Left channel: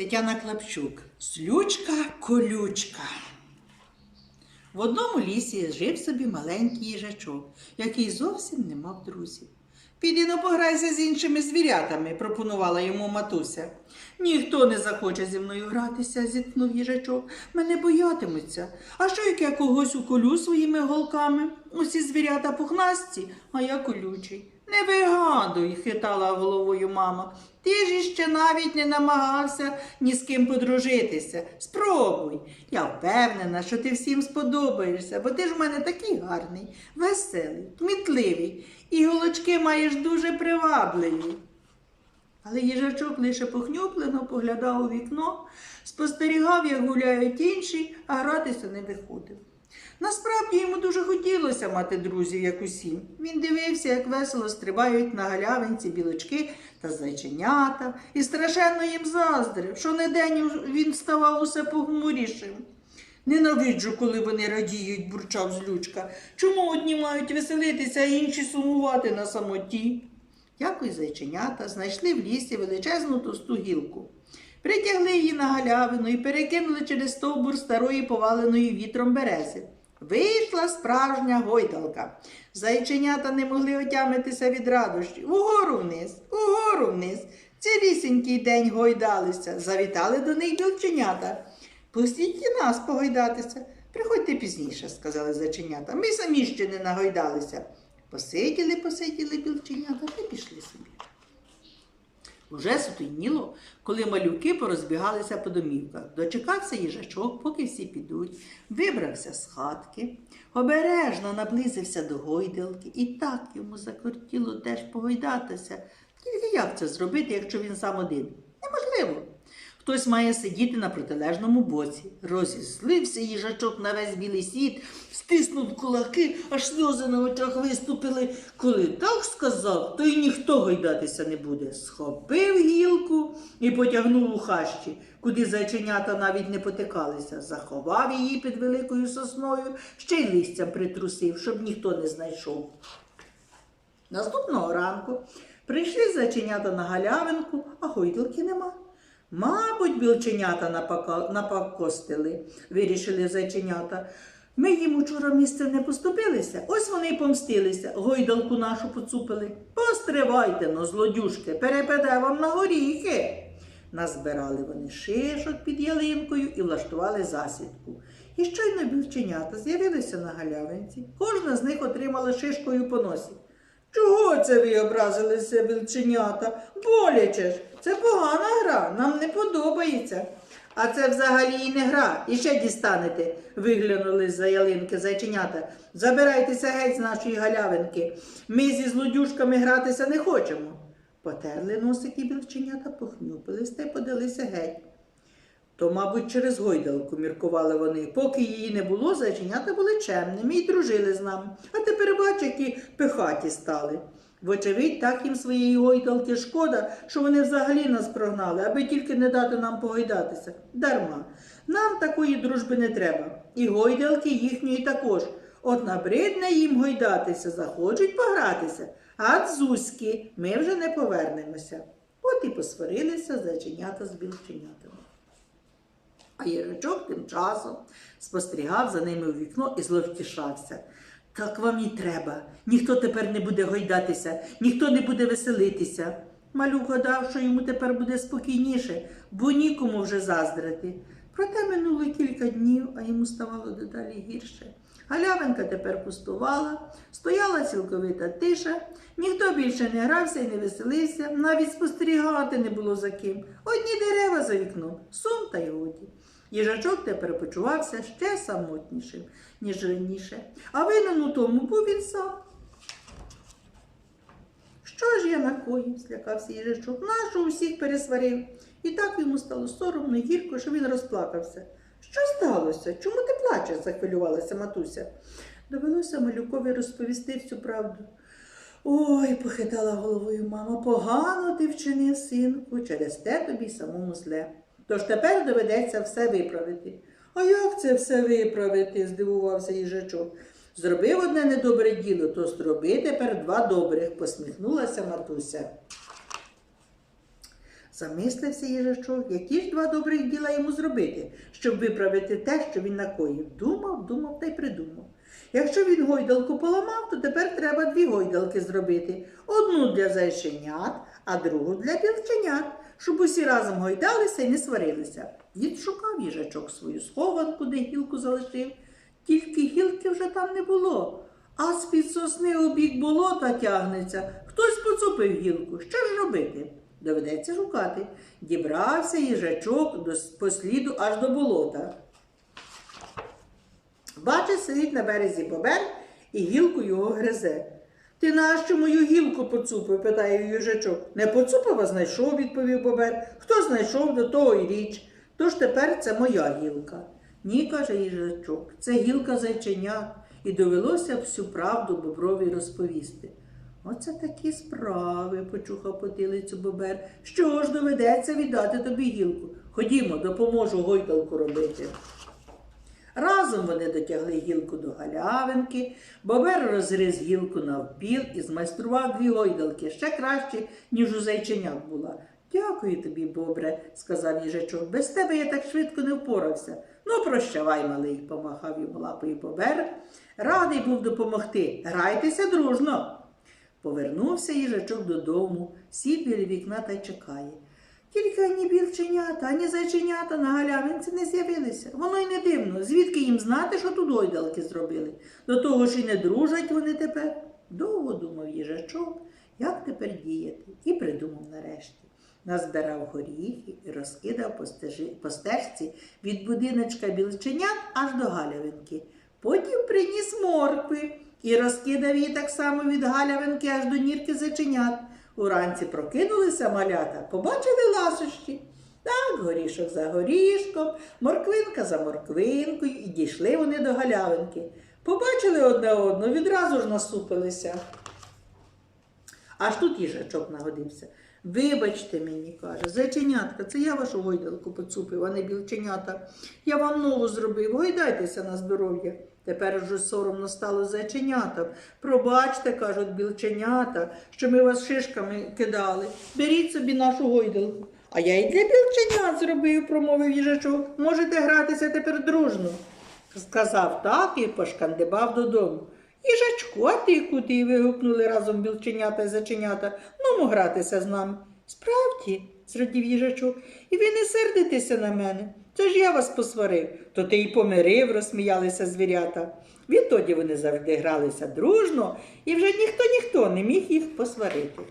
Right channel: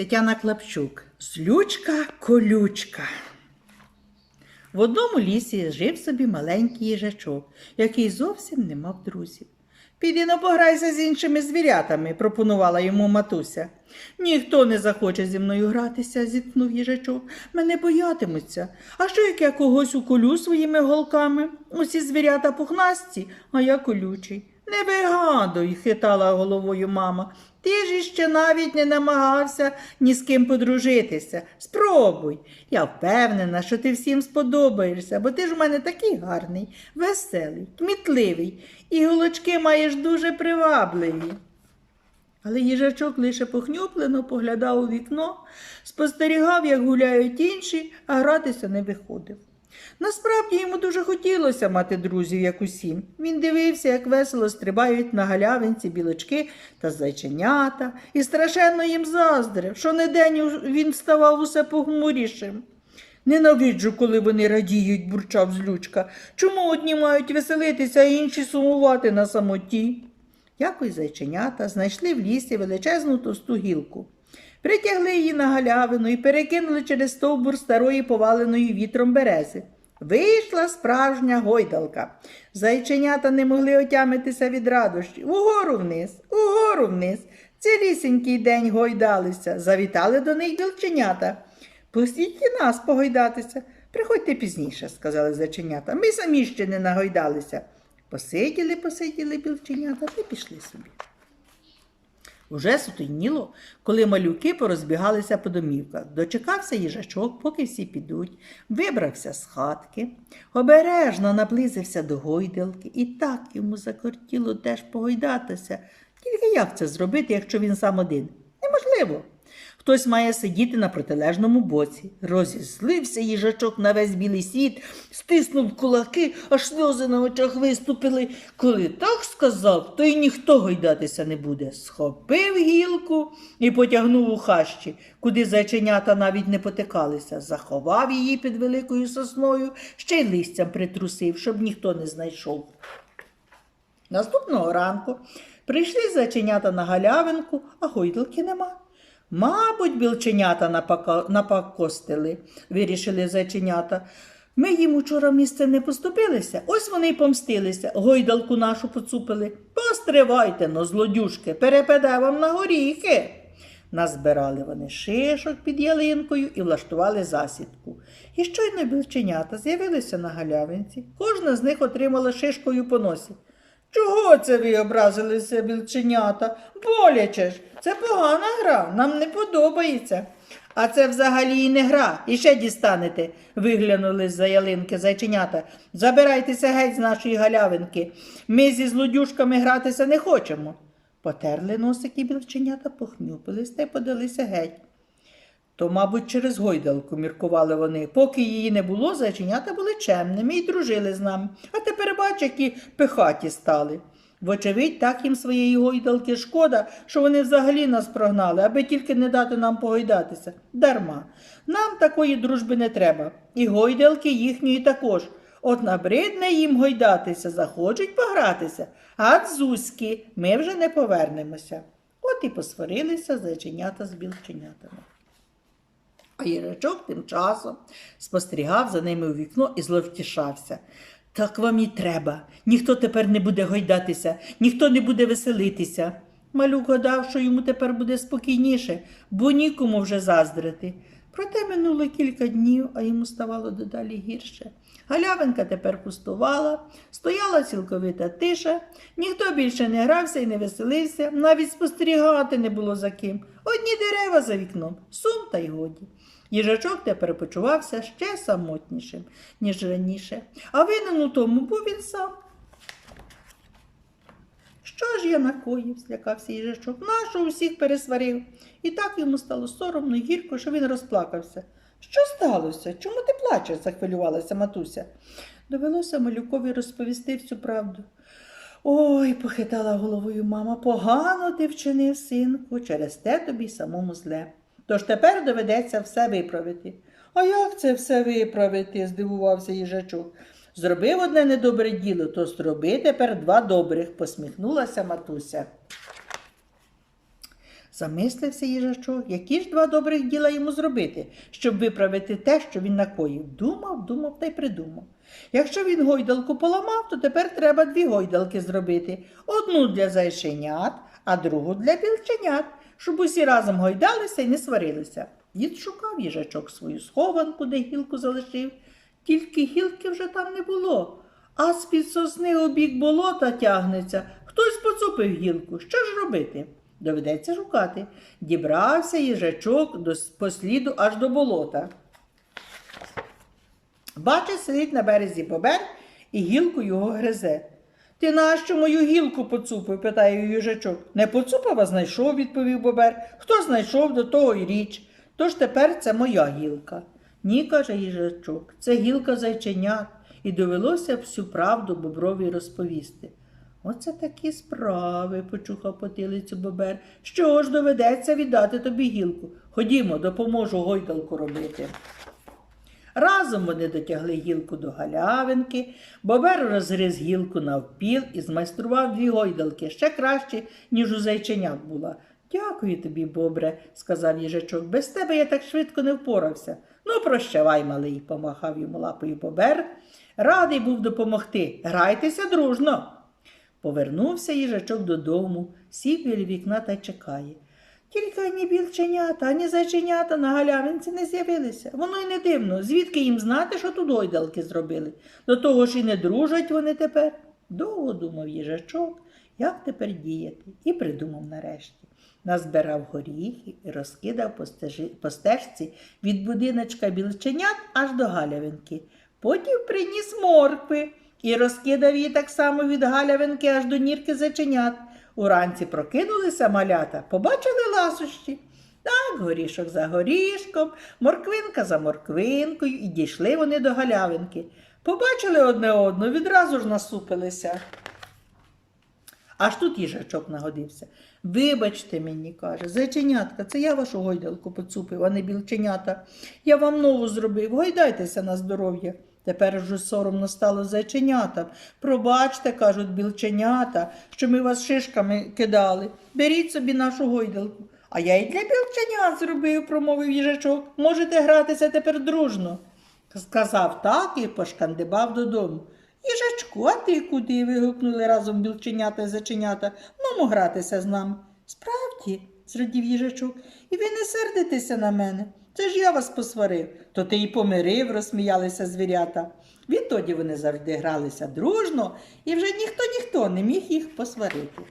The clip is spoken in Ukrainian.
Тетяна Клапчук. Злючка колючка. В одному лісі жив собі маленький їжачок, який зовсім не мав друзів. Піди но пограйся з іншими звірятами, пропонувала йому матуся. Ніхто не захоче зі мною гратися, зіткнув їжачок. Мене боятимуться. А що як я когось уколю своїми голками? Усі звірята пухнасті, а я колючий. Не вигадуй, хитала головою мама. Ти ж іще навіть не намагався ні з ким подружитися. Спробуй. Я впевнена, що ти всім сподобаєшся, бо ти ж в мене такий гарний, веселий, кмітливий, і голочки маєш дуже привабливі. Але їжачок лише похнюплено поглядав у вікно, спостерігав, як гуляють інші, а гратися не виходив. Насправді йому дуже хотілося мати друзів, як усім. Він дивився, як весело стрибають на галявинці білочки та зайченята, і страшенно їм заздрив, що не день він ставав усе похмурішим. Ненавиджу, коли вони радіють, бурчав злючка. Чому одні мають веселитися, а інші сумувати на самоті? Якось зайченята знайшли в лісі величезну товсту гілку. Притягли її на галявину і перекинули через стовбур старої поваленої вітром берези. Вийшла справжня гойдалка. Зайченята не могли отямитися від радощів. Угору вниз, угору вниз. Цілісінький день гойдалися, завітали до них білченята. Пустіть і нас погойдатися. Приходьте пізніше, сказали зайченята. Ми самі ще не нагойдалися. Посиділи, посиділи білченята та пішли собі. Уже сутеніло, коли малюки порозбігалися по домівках. Дочекався їжачок, поки всі підуть, вибрався з хатки, обережно наблизився до гойдалки, і так йому закортіло теж погойдатися. Тільки як це зробити, якщо він сам один? Неможливо. Хтось має сидіти на протилежному боці. Розізлився їжачок на весь білий світ, стиснув кулаки, аж сльози на очах виступили. Коли так сказав, то й ніхто гойдатися не буде. Схопив гілку і потягнув у хащі, куди зайченята навіть не потикалися. Заховав її під великою сосною, ще й листям притрусив, щоб ніхто не знайшов. Наступного ранку прийшли зайченята на галявинку, а гойдалки нема. Мабуть, білченята напакостили, вирішили зайченята. Ми їм учора місце не поступилися, ось вони й помстилися, гойдалку нашу поцупили. Постривайте но, злодюшки, перепаде вам на горіхи. Назбирали вони шишок під ялинкою і влаштували засідку. І щойно білченята з'явилися на галявинці. Кожна з них отримала шишкою по носі. Чого це ви образилися, білченята? Боляче ж, це погана гра, нам не подобається. А це взагалі і не гра, і ще дістанете, виглянули з-за ялинки зайченята. Забирайтеся геть з нашої галявинки. Ми зі злодюшками гратися не хочемо. Потерли носики білченята, похнюпились та й подалися геть. То, мабуть, через гойдалку міркували вони. Поки її не було, зайченята були чемними і дружили з нами. А тепер бач, які пихаті стали. Вочевидь, так їм своєї гойдалки шкода, що вони взагалі нас прогнали, аби тільки не дати нам погойдатися. Дарма. Нам такої дружби не треба. І гойдалки їхньої також. От набридне їм гойдатися, захочуть погратися, а дзузьки ми вже не повернемося. От і посварилися зайченята з білченятами. А їжачок тим часом спостерігав за ними у вікно і зловтішався. Так вам і треба. Ніхто тепер не буде гойдатися, ніхто не буде веселитися. Малюк гадав, що йому тепер буде спокійніше, бо нікому вже заздрити. Проте минуло кілька днів, а йому ставало дедалі гірше. Галявинка тепер пустувала, стояла цілковита тиша, ніхто більше не грався і не веселився, навіть спостерігати не було за ким. Одні дерева за вікном, сум та й годі. Їжачок тепер почувався ще самотнішим, ніж раніше, а винен у тому був він сам. Що ж я накоїв, злякався їжачок, нащо усіх пересварив. І так йому стало соромно і гірко, що він розплакався. Що сталося? Чому ти плачеш? захвилювалася матуся. Довелося малюкові розповісти всю правду. Ой, похитала головою мама, погано ти вчинив, синку, через те тобі самому зле. Тож тепер доведеться все виправити. А як це все виправити? здивувався їжачок. Зробив одне недобре діло, то зроби тепер два добрих, посміхнулася матуся. Замислився їжачок, які ж два добрих діла йому зробити, щоб виправити те, що він накоїв. Думав, думав та й придумав. Якщо він гойдалку поламав, то тепер треба дві гойдалки зробити: одну для зайченят, а другу для білченят, щоб усі разом гойдалися і не сварилися. Дід шукав їжачок свою схованку, де гілку залишив, тільки гілки вже там не було. А з-під сосни у бік болота тягнеться. Хтось поцупив гілку. Що ж робити? Доведеться шукати. Дібрався їжачок до, по сліду аж до болота. Бачить, сидить на березі бобер і гілку його гризе. Ти нащо мою гілку поцупив? питає їжачок. Не поцупив, а знайшов, відповів бобер. Хто знайшов, до того й річ. Тож тепер це моя гілка. Ні, каже їжачок, це гілка зайченят, і довелося всю правду боброві розповісти. Оце такі справи, почухав потилицю бобер. Що ж доведеться віддати тобі гілку? Ходімо, допоможу гойдалку робити. Разом вони дотягли гілку до галявинки, бобер розгриз гілку навпіл і змайстрував дві гойдалки ще краще, ніж у зайченят була. Дякую тобі, бобре, сказав їжачок. Без тебе я так швидко не впорався. Ну, прощавай, малий, помахав йому лапою бобер. Радий був допомогти. Грайтеся дружно. Повернувся їжачок додому, сів біля вікна та чекає. Тільки ані білченята, ані зайченята на галявинці не з'явилися. Воно й не дивно, звідки їм знати, що тут гойдалки зробили. До того ж і не дружать вони тепер. Довго думав їжачок, як тепер діяти, і придумав нарешті. Назбирав горіхи і розкидав по, стежі, по стежці від будиночка білченят аж до галявинки. Потім приніс моркви і розкидав її так само від галявинки аж до нірки зайченят. Уранці прокинулися малята, побачили ласощі. Так, горішок за горішком, морквинка за морквинкою, і дійшли вони до галявинки. Побачили одне одного, відразу ж насупилися. Аж тут їжачок нагодився. Вибачте мені, каже, зайченятка, це я вашу гойдалку поцупив, а не білченята. Я вам нову зробив, гойдайтеся на здоров'я. Тепер вже соромно стало зайченятам. Пробачте, кажуть білченята, що ми вас шишками кидали. Беріть собі нашу гойдалку. А я й для білченят зробив, промовив їжачок. Можете гратися тепер дружно. Сказав так і пошкандибав додому. Їжачку, а ти куди? вигукнули разом білченята і заченята. Ну, гратися з нами. Справді, зрадів їжачок, і ви не сердитеся на мене. Це ж я вас посварив. То ти й помирив, розсміялися звірята. Відтоді вони завжди гралися дружно, і вже ніхто ніхто не міг їх посварити.